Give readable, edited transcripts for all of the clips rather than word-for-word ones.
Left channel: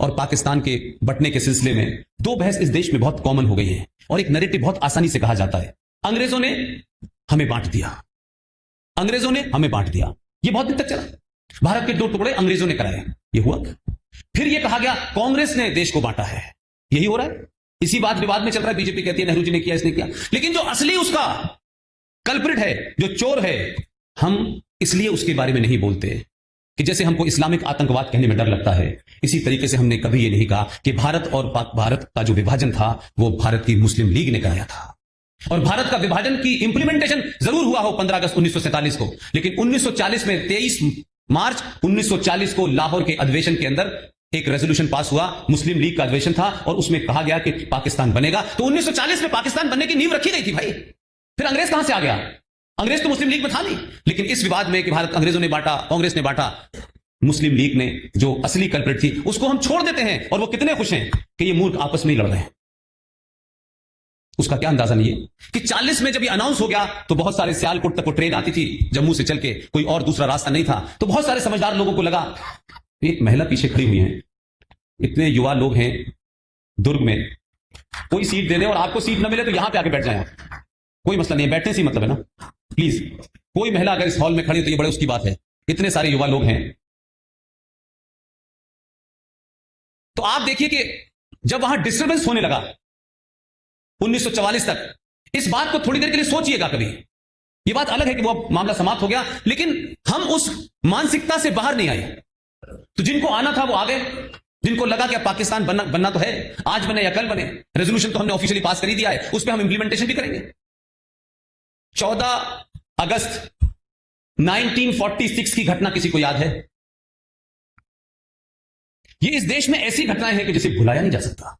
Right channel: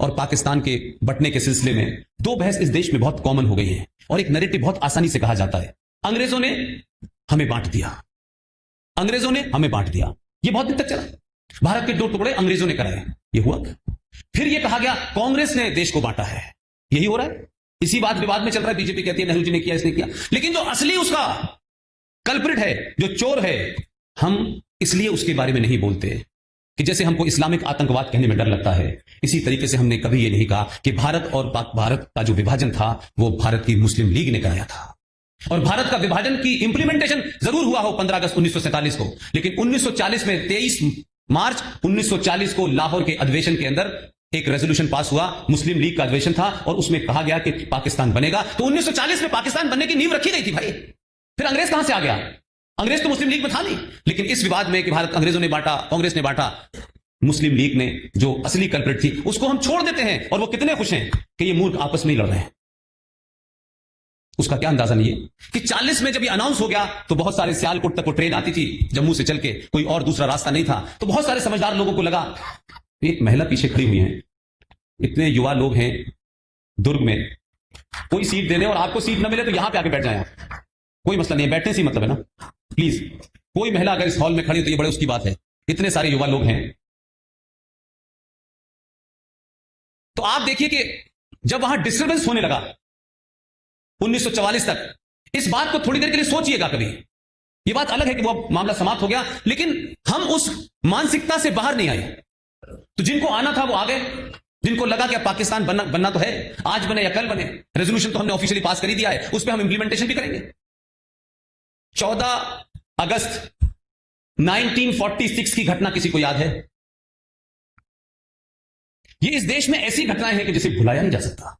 और पाकिस्तान के बंटने के सिलसिले में दो बहस इस देश में बहुत कॉमन हो गई है और एक नैरेटिव बहुत आसानी से कहा जाता है, अंग्रेजों ने हमें बांट दिया, अंग्रेजों ने हमें बांट दिया। ये बहुत दिन तक चला, भारत के दो टुकड़े अंग्रेजों ने कराए, ये हुआ। फिर ये कहा गया कांग्रेस ने देश को बांटा है, यही हो रहा है। इसी बात विवाद में चल रहा है, बीजेपी कहती है नेहरू जी ने किया, इसने किया। लेकिन जो असली उसका कल्प्रिट है, जो चोर है, हम इसलिए उसके बारे में नहीं बोलते कि जैसे हमको इस्लामिक आतंकवाद कहने में डर लगता है, इसी तरीके से हमने कभी ये नहीं कहा कि भारत और भारत का जो विभाजन था वो भारत की मुस्लिम लीग ने कराया था। और भारत का विभाजन की इंप्लीमेंटेशन जरूर हुआ हो 15 अगस्त 1947 को, लेकिन 1940 में 23 मार्च 1940 को लाहौर के अधिवेशन के अंदर एक रेजोल्यूशन पास हुआ, मुस्लिम लीग का अधिवेशन था, और उसमें कहा गया कि पाकिस्तान बनेगा। तो 1940 में पाकिस्तान बनने की नींव रखी गई थी भाई। फिर अंग्रेज कहां से आ गया? अंग्रेज तो मुस्लिम लीग में था नहीं। लेकिन इस विवाद में कि भारत अंग्रेजों ने बांटा, कांग्रेस ने बांटा, मुस्लिम लीग ने जो असली कल्प्रिट थी उसको हम छोड़ देते हैं, और वो कितने खुश हैं कि ये मूर्ख आपस में लड़ रहे हैं। उसका क्या अंदाजा नहीं है कि 40 में जब ये अनाउंस हो गया तो बहुत सारे सियालकोट तक वो ट्रेन आती थी, जम्मू से चल के, कोई और दूसरा रास्ता नहीं था। तो बहुत सारे समझदार लोगों को लगा, एक महिला पीछे खड़ी हुई है, इतने युवा लोग हैं दुर्ग में, कोई सीट दे दे और आपको सीट ना मिले तो यहां पे आके बैठ जाए, कोई मसला नहीं है, बैठने से मतलब है ना। प्लीज, कोई महिला अगर इस हॉल में खड़ी तो ये बड़े उसकी बात है, इतने सारे युवा लोग हैं। तो आप देखिए कि जब वहां डिस्टर्बेंस होने लगा 1944 तक, इस बात को थोड़ी देर के लिए सोचिएगा कभी। ये बात अलग है कि वो मामला समाप्त हो गया, लेकिन हम उस मानसिकता से बाहर नहीं आए। तो जिनको आना था वो आ गए, जिनको लगा कि पाकिस्तान बनना तो है, आज बने या कल बने, रेजोल्यूशन तो हमने ऑफिशियली पास कर ही दिया है, उस पर हम इंप्लीमेंटेशन भी करेंगे। 14 अगस्त 1946 की घटना किसी को याद है? ये इस देश में ऐसी घटनाएं हैं कि जिसे भुलाया नहीं जा सकता,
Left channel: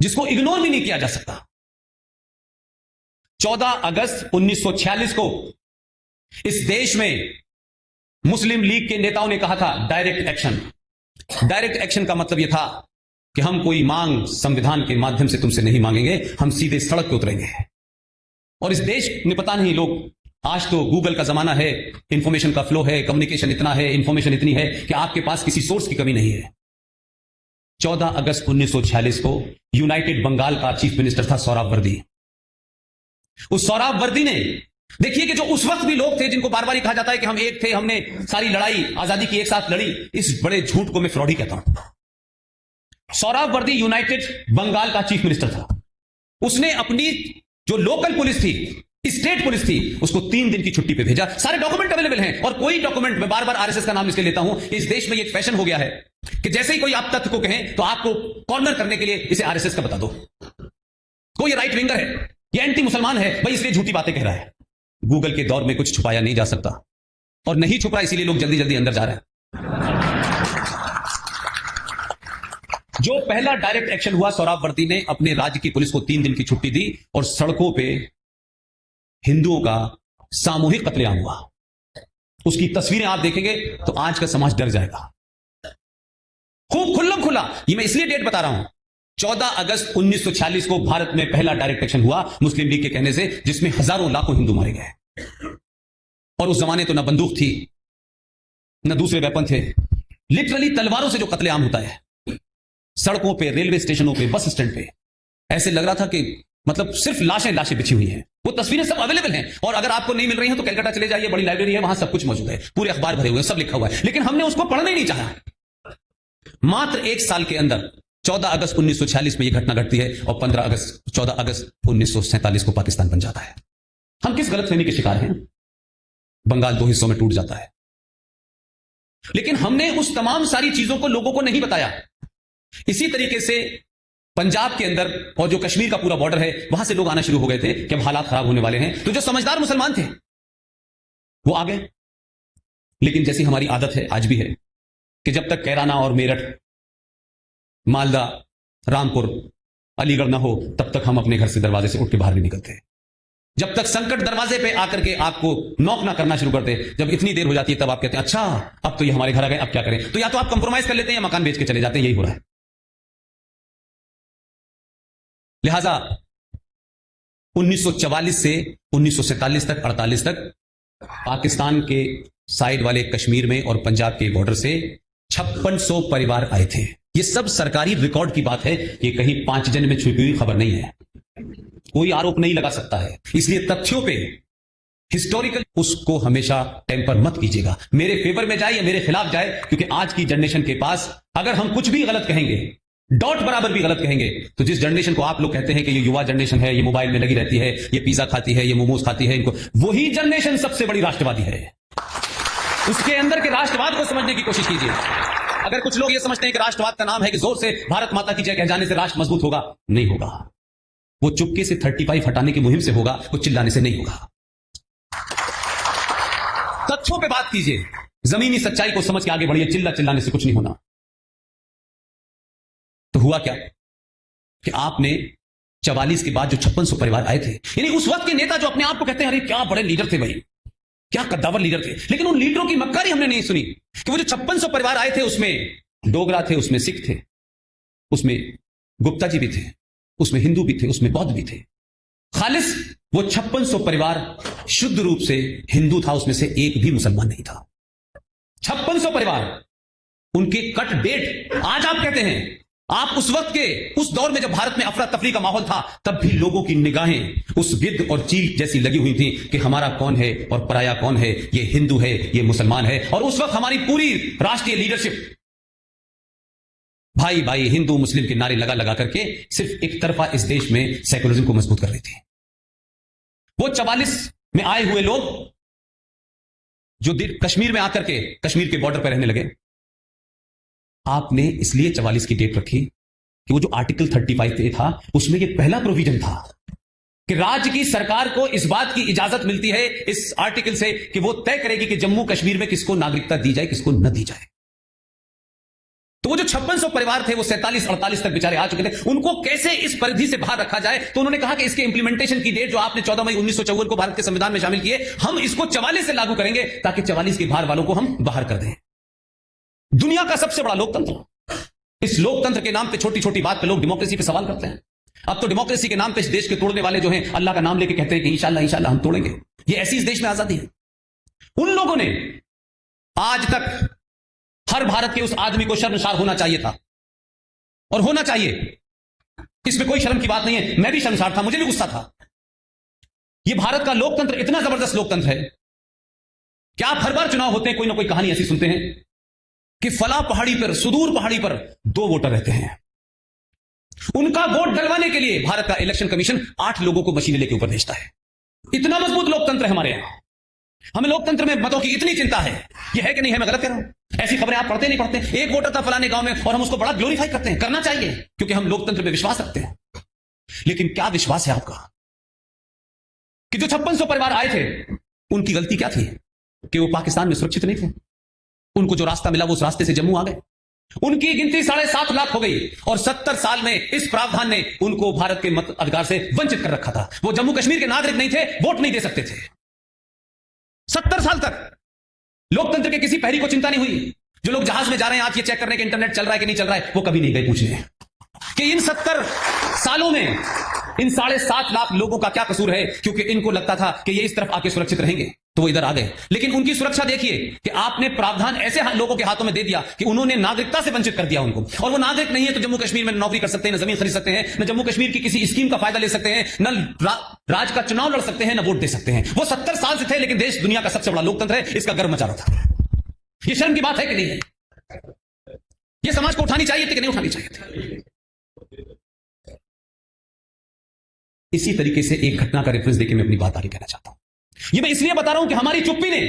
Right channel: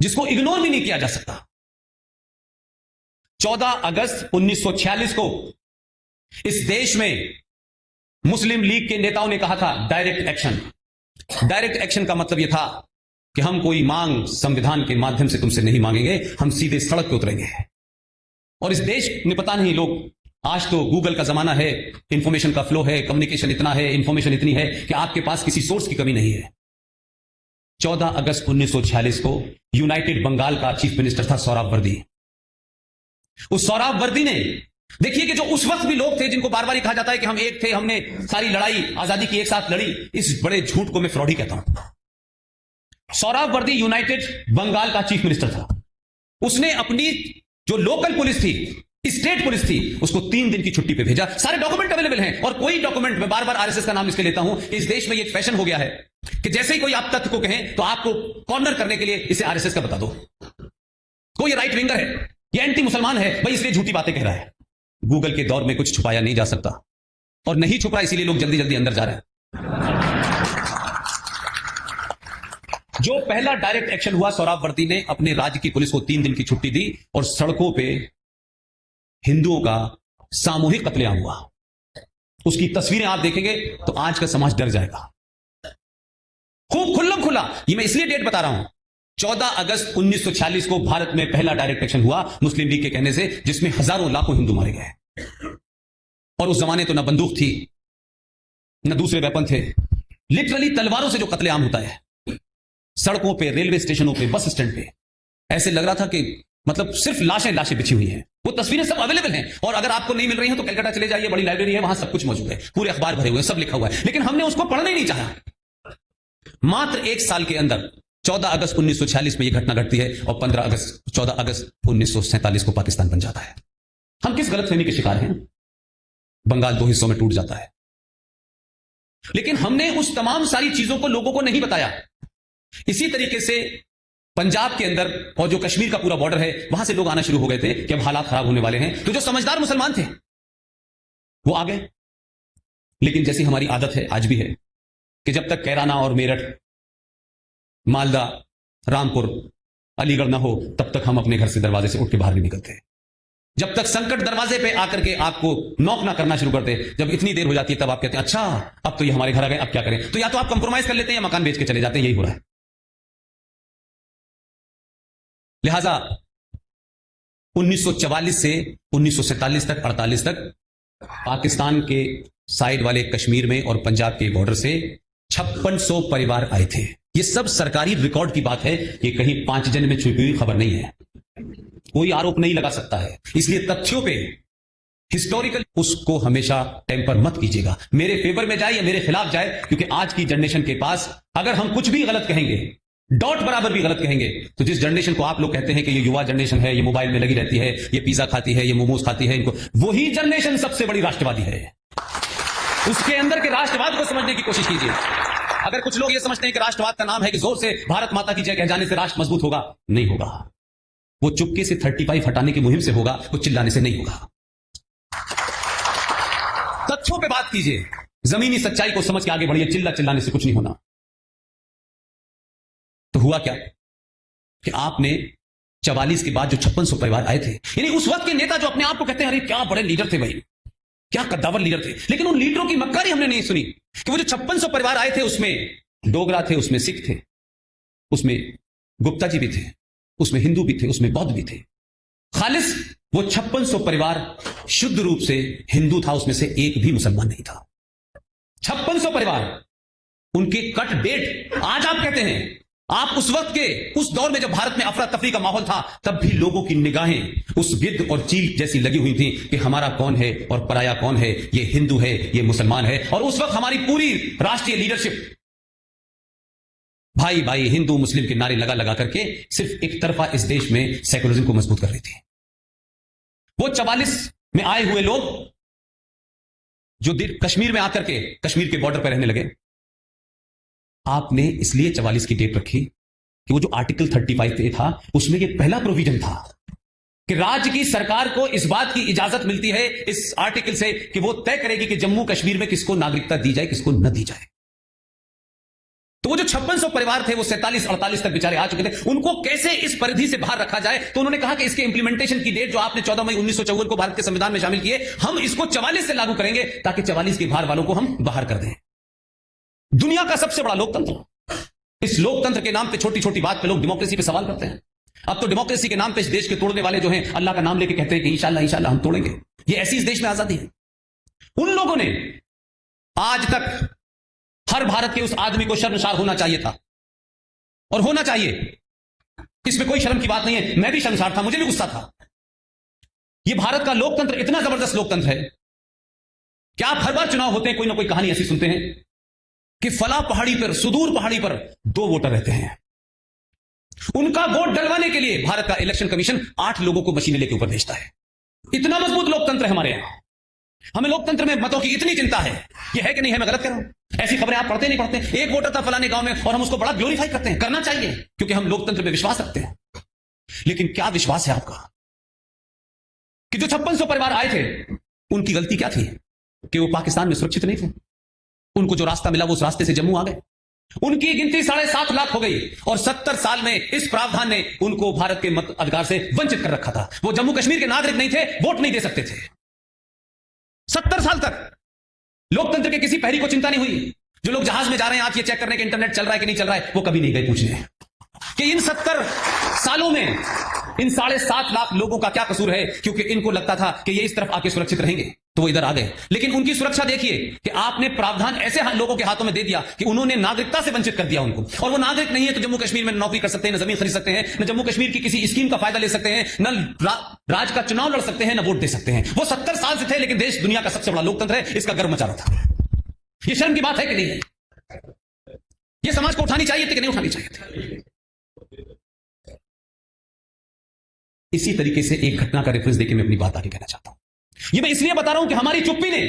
जिसको इग्नोर भी नहीं किया जा सकता। 14 अगस्त 1946 को इस देश में मुस्लिम लीग के नेताओं ने कहा था डायरेक्ट एक्शन। डायरेक्ट एक्शन का मतलब यह था कि हम कोई मांग संविधान के माध्यम से तुमसे नहीं मांगेंगे, हम सीधे सड़क पे उतरेंगे। और इस देश में पता नहीं लोग, आज तो गूगल का जमाना है, इंफॉर्मेशन का फ्लो है, कम्युनिकेशन इतना है, इंफॉर्मेशन इतनी है कि आपके पास किसी सोर्स की कमी नहीं है। 14 अगस्त 1946 को यूनाइटेड बंगाल का चीफ मिनिस्टर था सौराब वर्दी। उस सौराब वर्दी ने, देखिए कि जो उस वक्त भी लोग थे जिनको बार बार कहा जाता है कि हम एक थे, हमने सारी लड़ाई आजादी की एक साथ लड़ी, इस बड़े झूठ को मैं फ्रॉड ही कहता हूं। सौराब वर्दी यूनाइटेड बंगाल का चीफ मिनिस्टर था। उसने अपनी जो लोकल पुलिस थी, स्टेट पुलिस थी, उसको 3 दिन की छुट्टी पे भेजा। सारे डॉक्यूमेंट अवेलेबल हैं, और कोई डॉक्यूमेंट में बार बार आरएसएस का नाम इसलिए लेता हूं, इस देश में ये फैशन हो गया है कि जैसे ही कोई आप तथ्य को कहे तो आपको कॉर्नर करने के लिए इसे आरएसएस का बता दो। कोई राइट विंगर है, ये एंटी मुसलमान है भाई, इसलिए झूठी बातें कह रहा है। गूगल के दौर में कुछ छुपाया नहीं जा सकता, और नहीं छुपा इसीलिए लोग जल्दी जल्दी अंदर जा रहे हैं। जो पहला डायरेक्ट एक्शन हुआ, सौराब वर्दी ने अपने राज्य की पुलिस को 3 दिन की छुट्टी दी और सड़कों पे हिंदुओं का सामूहिक कत्लेआम हुआ। उसकी तस्वीरें आप देखेंगे तो आज का समाज डर जाएगा। खूब खुल्लम खुला, ये मैं इसलिए डेट बता रहा हूं, 14 अगस्त 1946 को भारत में पहला डायरेक्ट एक्शन हुआ मुस्लिम लीग के कहने से, जिसमें हजारों लाखों हिंदू मारे गए। और उस जमाने तो ना बंदूक थी, ना दूसरे वेपन थे, लिटरली तलवारों से जो कत्लेआम होता है, सड़कों पे, रेलवे स्टेशनों पे, बस स्टैंड पे, ऐसे लग रहा था कि मतलब सिर्फ लाशें लाशें बिछी हुई हैं। वो तस्वीरें सब अवेलेबल हैं, और अगर आपको नहीं मिल रही हो तो कलकत्ता चले जाइए, बड़ी लाइब्रेरी है, वहां सब कुछ मौजूद है, पूरे अखबार भरे हुए, सब लिखा हुआ है, लेकिन हमने उसको पढ़ना ही नहीं चाहा। मात्र 1 साल के अंदर 14 अगस्त 1946 में यह घटना घटती है, और 14 अगस्त 1947 को पाकिस्तान बन जाता है। हम किस गलतफहमी के शिकार हैं? बंगाल 2 हिस्सों में टूट जाता है, लेकिन हमने उस तमाम सारी चीजों को लोगों को नहीं बताया। इसी तरीके से पंजाब के अंदर और जो कश्मीर का पूरा बॉर्डर है, वहां से लोग आना शुरू हो गए थे कि अब हालात खराब होने वाले हैं। तो जो समझदार मुसलमान थे वो आ गए, लेकिन जैसी हमारी आदत है, आज भी है, कि जब तक कैराना और मेरठ, मालदा, रामपुर, अलीगढ़ ना हो, तब तक हम अपने घर से दरवाजे से उठ के बाहर नहीं निकलते। जब तक संकट दरवाजे पे आकर के आपको नॉक ना करना शुरू करते, जब इतनी देर हो जाती है, तब आप कहते हैं अच्छा अब तो ये हमारे घर आ गए, अब क्या करें? तो या तो आप कंप्रोमाइज कर लेते हैं, मकान बेच के चले जाते हैं, यही हो रहा है। लिहाजा 1944 से 1947 तक, 48 तक पाकिस्तान के साइड वाले कश्मीर में और पंजाब के बॉर्डर से 5600 परिवार आए थे। ये सब सरकारी रिकॉर्ड की बात है, ये कहीं 5 जन में छुपी हुई खबर नहीं है, कोई आरोप नहीं लगा सकता है। इसलिए तथ्यों पे हिस्टोरिकल उसको हमेशा टेम्पर मत कीजिएगा, मेरे फेवर में जाए या मेरे खिलाफ जाए, क्योंकि आज की जनरेशन के पास अगर हम कुछ भी गलत कहेंगे, डॉट बराबर भी गलत कहेंगे, तो जिस जनरेशन को आप लोग कहते हैं कि ये युवा जनरेशन है, ये मोबाइल में लगी रहती है, ये पिज्जा खाती है, ये मोमोज खाती है, इनको वही जनरेशन सबसे बड़ी राष्ट्रवादी है। उसके अंदर के राष्ट्रवाद को समझने की कोशिश कीजिए। अगर कुछ लोग ये समझते हैं कि राष्ट्रवाद का नाम है कि जोर से भारत माता की जय कह जाने से राष्ट्र मजबूत होगा, नहीं होगा। वो चुपके से 35 हटाने की मुहिम से होगा, वो चिल्लाने से नहीं होगा। तथ्यों पे बात कीजिए, जमीनी सच्चाई को समझ के आगे बढ़िए, चिल्लाने से कुछ नहीं होना। तो हुआ क्या कि आपने 44 के बाद जो 5600 परिवार आए थे, यानी उस वक्त के नेता जो अपने आप को कहते हैं अरे क्या बड़े लीडर थे भाई, क्या कद्दावर लीडर थे, लेकिन उन लीडरों की बदकारी हमने नहीं सुनी कि वो जो 5600 परिवार आए थे उसमें डोगरा थे, उसमें सिख थे, उसमें गुप्ता जी भी थे, उसमें हिंदू भी थे, उसमें बौद्ध भी थे। खालिस वो 5600 परिवार शुद्ध रूप से हिंदू था, उसमें से एक भी मुसलमान नहीं था। 5600 परिवार, उनके कट डेट आज आप कहते हैं। आप उस वक्त के उस दौर में जब भारत में अफरा तफरी का माहौल था, तब भी लोगों की निगाहें उस गिद्ध और चील जैसी लगी हुई थी कि हमारा कौन है और पराया कौन है, ये हिंदू है, ये मुसलमान है। और उस वक्त हमारी पूरी राष्ट्रीय लीडरशिप भाई भाई हिंदू मुस्लिम के नारे लगा लगा करके सिर्फ एक तरफा इस देश में सेकुलरिज्म को मजबूत कर रही थी। वो 44 में आए हुए लोग जो कश्मीर में आकर के कश्मीर के बॉर्डर पर रहने लगे, आपने इसलिए 44 की डेट रखी कि वो जो आर्टिकल 35 था उसमें ये पहला प्रोविजन था कि राज्य की सरकार को इस बात की इजाजत मिलती है इस आर्टिकल से कि वो तय करेगी कि जम्मू कश्मीर में किसको नागरिकता दी जाए, किसको न दी जाए। तो वो जो 5600 परिवार थे वो 47-48 तक बेचारे आ चुके थे, उनको कैसे इस परिधि से बाहर रखा जाए। तो उन्होंने कहा कि इसके इंप्लीमेंटेशन की डेट जो आपने 14 मई 1954 को भारत के संविधान में शामिल किए, हम इसको 44 से लागू करेंगे ताकि 44 के बाहर वालों को हम बाहर कर दें। दुनिया का सबसे बड़ा लोकतंत्र, इस लोकतंत्र के नाम पे छोटी छोटी बात पे लोग डेमोक्रेसी पे सवाल करते हैं। अब तो डेमोक्रेसी के नाम पे इस देश के तोड़ने वाले जो हैं अल्लाह का नाम लेके कहते हैं कि इंशाल्लाह इंशाल्लाह हम तोड़ेंगे। ये ऐसी इस देश में आजादी है। उन लोगों ने आज तक हर भारत के उस आदमी को शर्मसार होना चाहिए था और होना चाहिए, इसमें कोई शर्म की बात नहीं है। मैं भी शर्मसार था, मुझे भी गुस्सा था। ये भारत का लोकतंत्र इतना जबरदस्त लोकतंत्र है कि आप हर बार चुनाव होते हैं कोई ना कोई कहानी ऐसी सुनते हैं कि फला पहाड़ी पर, सुदूर पहाड़ी पर 2 वोटर रहते हैं, उनका वोट डलवाने के लिए भारत का इलेक्शन कमीशन 8 लोगों को वसीले के ऊपर भेजता है। इतना मजबूत लोकतंत्र है हमारे यहां। हमें लोकतंत्र में मतों की इतनी चिंता है, यह है कि नहीं है, मैं गलत कह रहा हूं? ऐसी खबरें आप पढ़ते नहीं पढ़ते? एक वोटर था फलाने गांव में और हम उसको बड़ा ग्लोरीफाई करते हैं, करना चाहिए क्योंकि हम लोकतंत्र में विश्वास रखते हैं। लेकिन क्या विश्वास है आपका कि जो 5600 परिवार आए थे उनकी गलती क्या थी कि वो पाकिस्तान में सुरक्षित नहीं थे? उनको जो रास्ता मिला वो उस रास्ते से जम्मू आ गए। उनकी गिनती 7.5 लाख हो गई और 70 साल में इस प्रावधान ने उनको भारत के मत अधिकार से वंचित कर रखा था। वो जम्मू कश्मीर के नागरिक नहीं थे, वोट नहीं दे सकते थे। 70 साल तक लोकतंत्र के किसी पहरी को चिंता नहीं हुई। जो लोग जहाज में जा रहे हैं, आप ये चेक करने के इंटरनेट चल रहा है कि नहीं चल रहा है, वो कभी नहीं गए पूछने कि इन 70 सालों में इन 7.5 लाख लोगों का क्या कसूर है, क्योंकि इनको लगता था कि ये इस तरफ आके सुरक्षित रहेंगे तो वो इधर आ गए। लेकिन उनकी सुरक्षा देखिए कि आपने प्रावधान ऐसे हम लोगों के हाथों में दे दिया कि उन्होंने नागरिकता से वंचित कर दिया उनको। और वो नागरिक नहीं है तो जम्मू कश्मीर में नौकरी कर सकते हैं, न जमीन खरीद सकते हैं, न जम्मू कश्मीर की किसी स्कीम का फायदा ले सकते हैं, न राज का चुनाव लड़ सकते हैं, न वोट दे सकते हैं। वो 70 साल से थे, लेकिन देश दुनिया का सबसे बड़ा लोकतंत्र है, इसका गर्व मचा रहा था। ये शर्म की बात है कि नहीं है? ये समाज को उठानी चाहिए थी कि नहीं उठानी चाहिए थी? इसी तरीके से एक घटना का रेफरेंस देकर मैं अपनी बात आगे कहना चाहता हूं। ये मैं इसलिए बता रहा हूं कि हमारी चुप्पी ने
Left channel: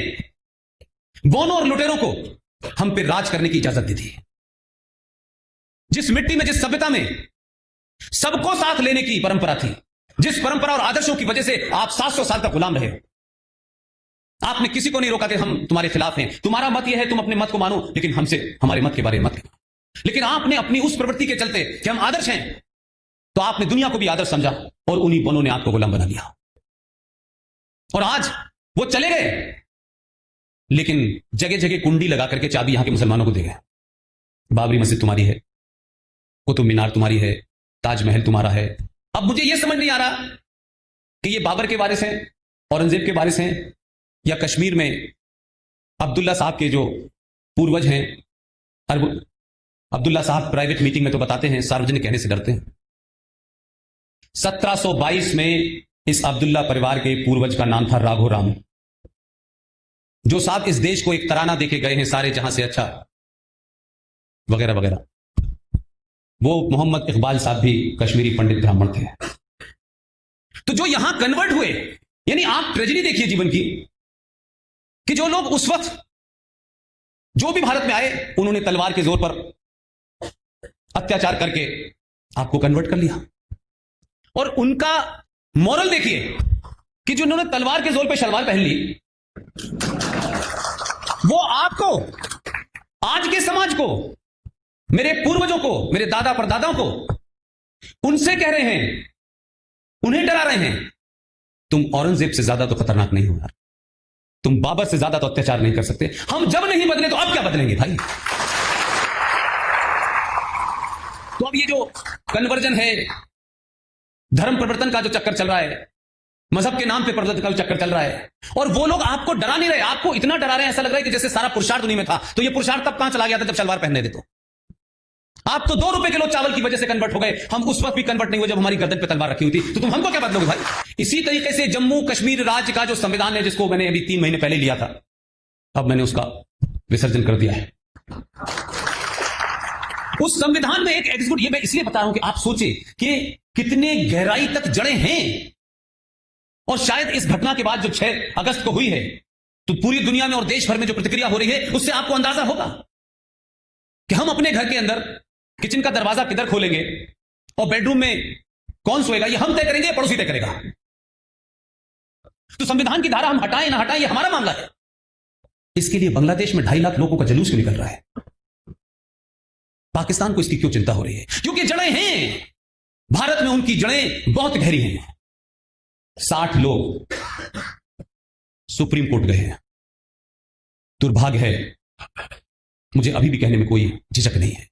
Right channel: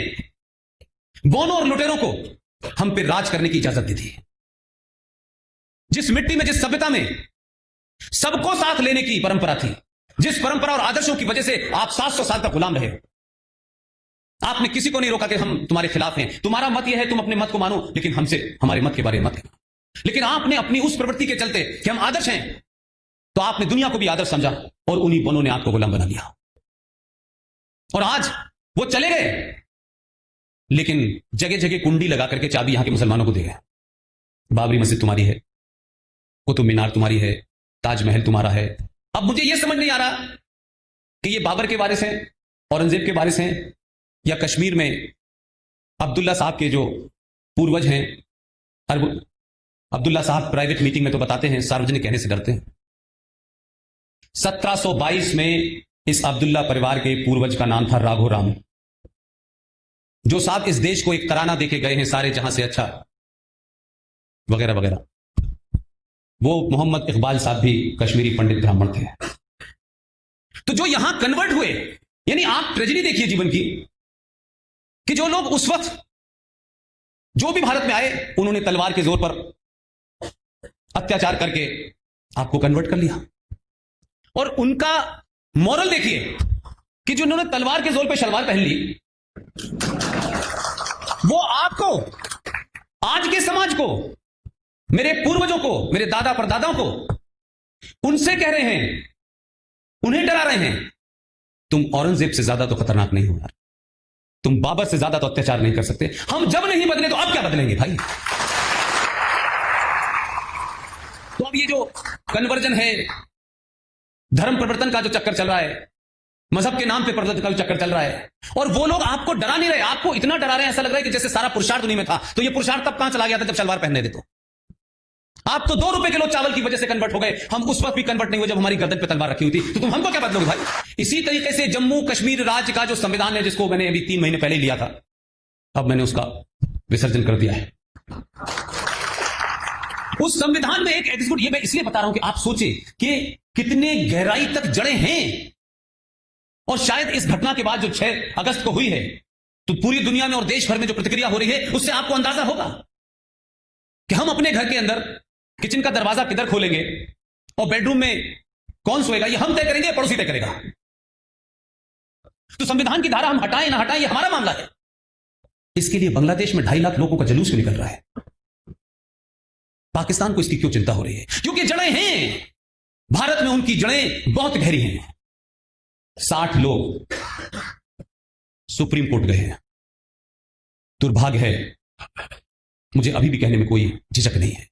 बोनो और लुटेरों को हम पे राज करने की इजाजत दी थी। जिस मिट्टी में, जिस सभ्यता में सबको साथ लेने की परंपरा थी, जिस परंपरा और आदर्शों की वजह से आप 700 साल तक गुलाम रहे, आपने किसी को नहीं रोका कि हम तुम्हारे खिलाफ हैं, तुम्हारा मत यह है, तुम अपने मत को मानो, लेकिन हमसे हमारे मत के बारे में मत कहना। लेकिन आपने अपनी उस प्रवृत्ति के चलते कि हम आदर्श हैं, तो आपने दुनिया को भी आदर्श समझा और उन्हीं बोनों ने आपको गुलाम बना लिया। और आज वो चले गए, लेकिन जगह जगह कुंडी लगा करके चाबी यहां के मुसलमानों को दी है। बाबरी मस्जिद तुम्हारी है, कुतुब मीनार तुम्हारी है, ताजमहल तुम्हारा है। अब मुझे यह समझ नहीं आ रहा कि ये बाबर के वारिस हैं, औरंगजेब के वारिस हैं, या कश्मीर में अब्दुल्ला साहब के जो पूर्वज हैं, अब्दुल्ला साहब प्राइवेट मीटिंग में तो बताते हैं, सार्वजनिक कहने से डरते हैं। 1722 में इस अब्दुल्ला परिवार के पूर्वज का नाम था राघो राम, जो साहब इस देश को एक तराना देके गए हैं, सारे जहां से अच्छा, वगैरह वगैरह। वो मोहम्मद इकबाल साहब भी कश्मीरी पंडित ब्राह्मण थे। तो जो यहां कन्वर्ट हुए, यानी आप ट्रेजेडी देखिए जीवन की, कि जो लोग उस वक्त जो भी भारत में आए, उन्होंने तलवार के जोर पर अत्याचार करके आपको कन्वर्ट कर लिया। और उनका मॉरल देखिए कि जो उन्होंने तलवार के जोर पर सलमान पहन ली, वो आपको, आज के समाज को, मेरे पूर्वजों को, मेरे दादा परदादाओं को, उनसे कह रहे हैं, उन्हें डरा रहे हैं, तुम औरंगजेब से ज्यादा तो खतरनाक नहीं होना, तुम बाबर से ज्यादा तो अत्याचार नहीं कर सकते। हम जब नहीं बदले तो अब क्या बदलेंगे भाई? तो अब ये जो कन्वर्जन है, धर्म परिवर्तन का जो चक्कर चल रहा है, मजहब के नाम पे परिवर्तन का जो चक्कर चल रहा है, और वो लोग आपको डरा दे रहे हैं, आपको इतना डरा रहे हैं, ऐसा लग रहा है कि जैसे सारा पुरुषार्थ उन्हीं में था। तो ये पुरुषार्थ तब कहां चला गया था जब सलवार पहनने दे। तो आप तो 2 रुपए किलो चावल की वजह से कन्वर्ट हो गए, हम उस वक्त भी कन्वर्ट नहीं हुए जब हमारी गर्दन पे तलवार रखी हुई थी। तो तुम हमको क्या बदलोगे भाई? इसी तरीके से जम्मू कश्मीर राज्य का जो संविधान है, जिसको मैंने अभी 3 महीने पहले लिया था, अब मैंने उसका विसर्जन कर दिया है। उस संविधान में एक एपिसोड, ये मैं इसलिए बता रहा हूं कि आप सोचे कि कितने गहराई तक जड़े हैं। और शायद इस घटना के बाद जो 6 अगस्त को हुई है, तो पूरी दुनिया में और देश भर में जो प्रतिक्रिया हो रही है, उससे आपको अंदाजा होगा कि हम अपने घर के अंदर किचन का दरवाजा किधर खोलेंगे और बेडरूम में कौन सोएगा, ये हम तय करेंगे, पड़ोसी तय करेगा। तो संविधान की धारा हम हटाएं ना हटाएं, ये हमारा मामला है। इसके लिए बांग्लादेश में 2.5 लाख लोगों का जुलूस क्यों निकल रहा है? पाकिस्तान को इसकी क्यों चिंता हो रही है? क्योंकि जड़ें हैं, भारत में उनकी जड़ें बहुत गहरी हैं। 60 लोग सुप्रीम कोर्ट गए हैं। दुर्भाग्य है, मुझे अभी भी कहने में कोई झिझक नहीं है,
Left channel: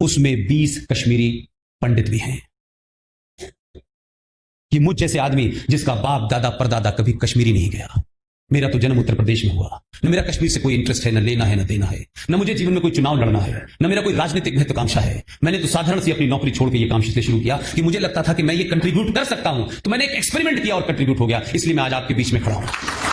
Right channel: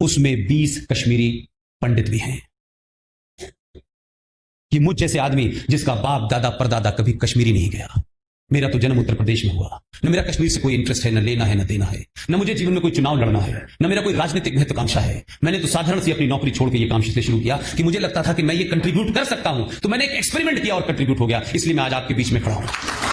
उसमें 20 कश्मीरी पंडित भी हैं। कि मुझ जैसे आदमी जिसका बाप दादा परदादा कभी कश्मीरी नहीं गया, मेरा तो जन्म उत्तर प्रदेश में हुआ, न मेरा कश्मीर से कोई इंटरेस्ट है, न लेना है न देना है, न मुझे जीवन में कोई चुनाव लड़ना है, न मेरा कोई राजनीतिक महत्वाकांक्षा है। मैंने तो साधारण सी अपनी नौकरी छोड़ के ये काम शुरू किया कि मुझे लगता था कि मैं ये कंट्रीब्यूट कर सकता हूं, तो मैंने एक एक्सपेरिमेंट किया और कंट्रीब्यूट हो गया। इसलिए मैं आज आपके बीच में खड़ा हूं।